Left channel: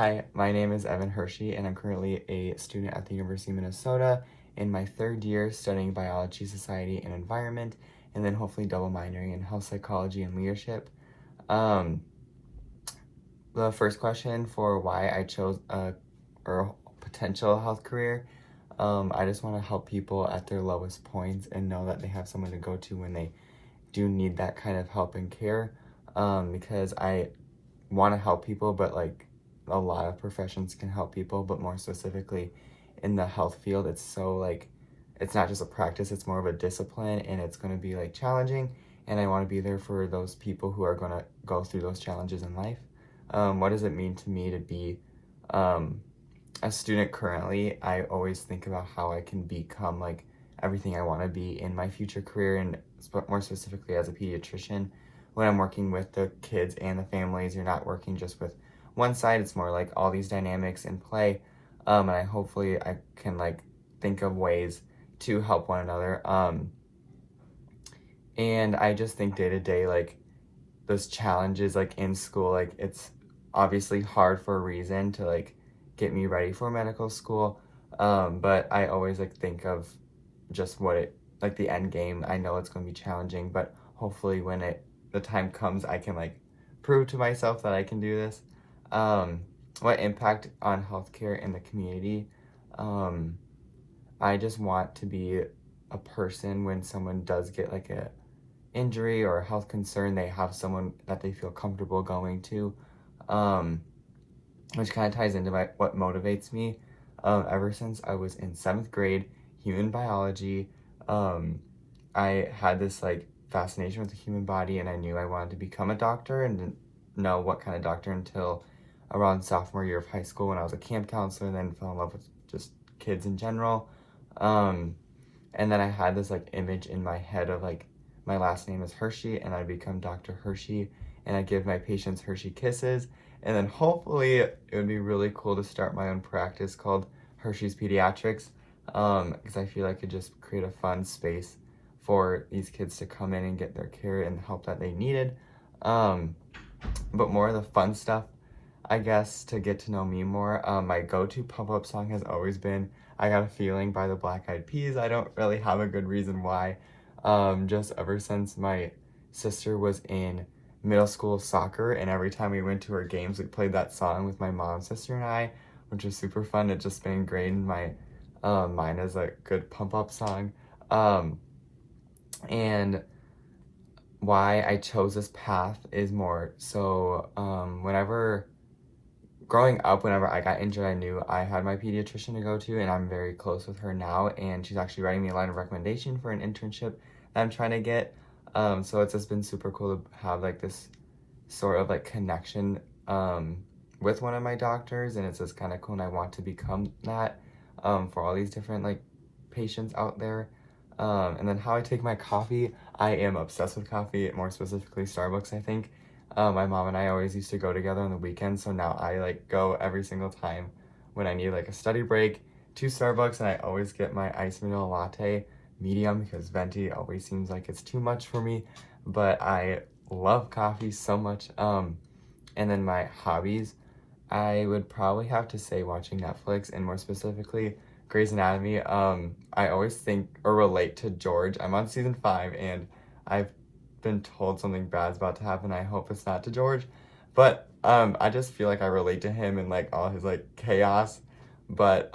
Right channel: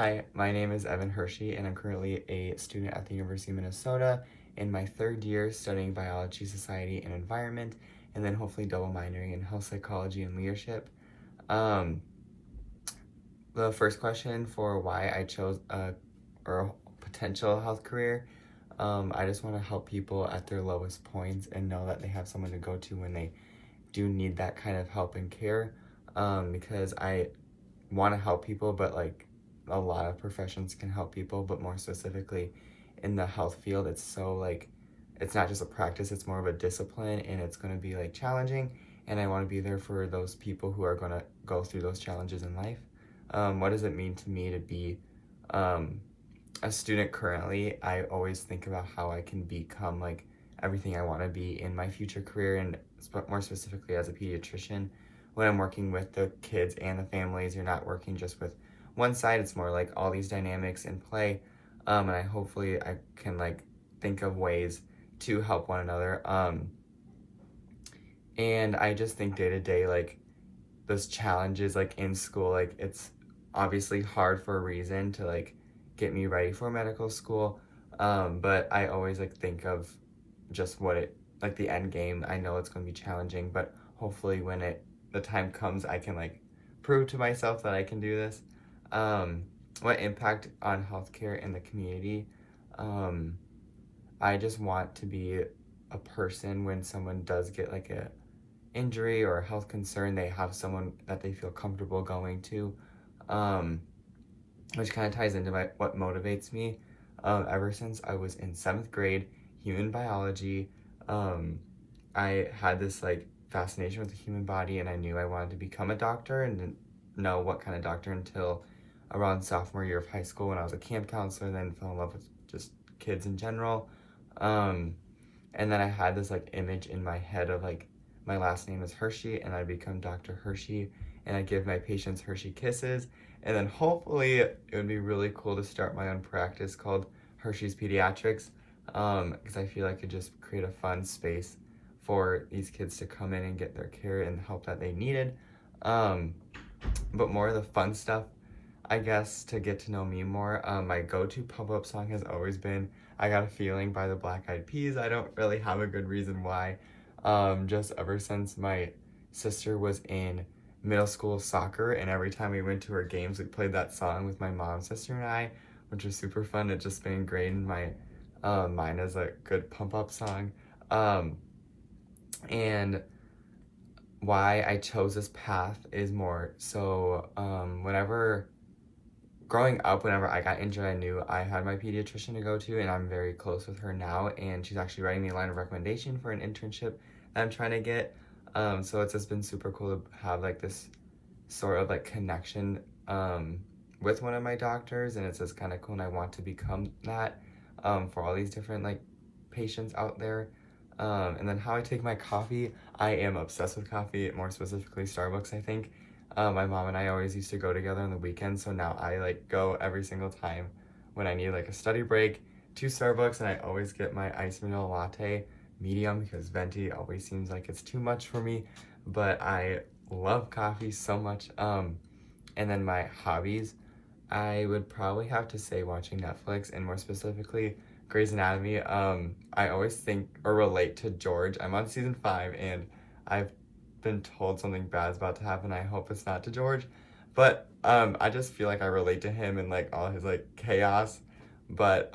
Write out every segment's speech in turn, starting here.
Hi, my name is Evan Hershey, and I'm currently a student at the University of Minnesota in my third year studying biology, society, and environment, and then hopefully double minoring in health psychology and leadership. Um, the first question for why I chose a potential health career, I just want to help people at their lowest points and know that they have someone to go to when they do need that kind of help and care, because I want to help people, but like a lot of professions can help people, but more specifically in the health field, it's so like, it's not just a practice, it's more of a discipline, and it's going to be like challenging, and I want to be there for those people who are going to go through those challenges in life. What does it mean to me to be a student currently? I always think about how I can become like everything I want to be in my future career, and more specifically as a pediatrician. When I'm working with the kids and the families, you're not working just with one side, it's more like all these dynamics in play, and hopefully I can like think of ways to help one another, and I just think day to day, like those challenges like in school, like it's obviously hard for a reason to like get me ready for medical school, but I always like think of just what it, like the end game. I know it's going to be challenging, but hopefully when the time comes, I can like prove to myself that I can do this. What impact on healthcare in the community? I just want to be a person when someone does get like a injury or a health concern, they have someone that they feel comfortable going to, which kind of ties into what motivates me. Ever since I was in 7th grade, human biology, I had this like fascination with the human body, and I knew I wanted to become a doctor, and didn't know what kind of doctor until around sophomore year of high school when I was a camp counselor, and then fell in love with just kids in general. And then I had this like image in my head of like my last name is Hershey, and I become Dr. Hershey, and I give my patients Hershey kisses, and then hopefully it would be really cool to start my own practice called Hershey's Pediatrics, because I feel like it could just create a fun space for these kids to come in and get their care and the help that they needed. But more of the fun stuff, I guess, to get to know me more, my go-to pump-up song has always been I Got a Feeling by the Black Eyed Peas. I don't really have a good reason why. Just ever since my sister was in middle school soccer, and every time we went to her games, we played that song with my mom, sister, and I, which was super fun. It just been ingrained in my mind as a good pump-up song. And why I chose this path is more so, growing up, whenever I got injured, I knew I had my pediatrician to go to, and I'm very close with her now, and she's actually writing me a line of recommendation for an internship that I'm trying to get. So it's just been super cool to have like this sort of like connection with one of my doctors, and it's just kind of cool, and I want to become that for all these different like patients out there. And then how I take my coffee, I am obsessed with coffee, more specifically Starbucks, I think. My mom and I always used to go together on the weekends, so now I like go every single time when I need like a study break to Starbucks, and I always get my iced vanilla latte medium because venti always seems like it's too much for me, but I love coffee so much. And then my hobbies, I would probably have to say watching Netflix, and more specifically Grey's Anatomy. I always think or relate to George. I'm on season 5, and I've been told something bad is about to happen. I hope it's not to George, but I just feel like I relate to him and like all his like chaos. But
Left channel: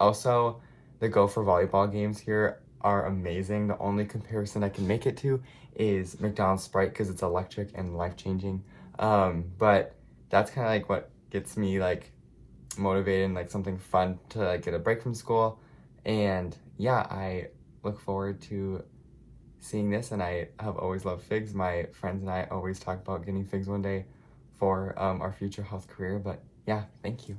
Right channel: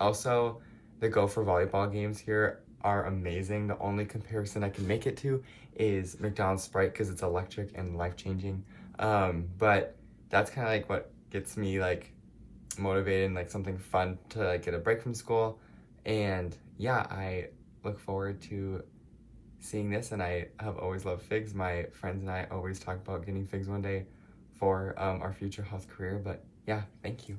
also the Gopher volleyball games here are amazing. The only comparison I can make it to is McDonald's Sprite because it's electric and life-changing. But that's kind of like what gets me like motivated and like something fun to like get a break from school. And yeah, I look forward to seeing this, and I have always loved figs. My friends and I always talk about getting figs one day for our future health career. But yeah, thank you.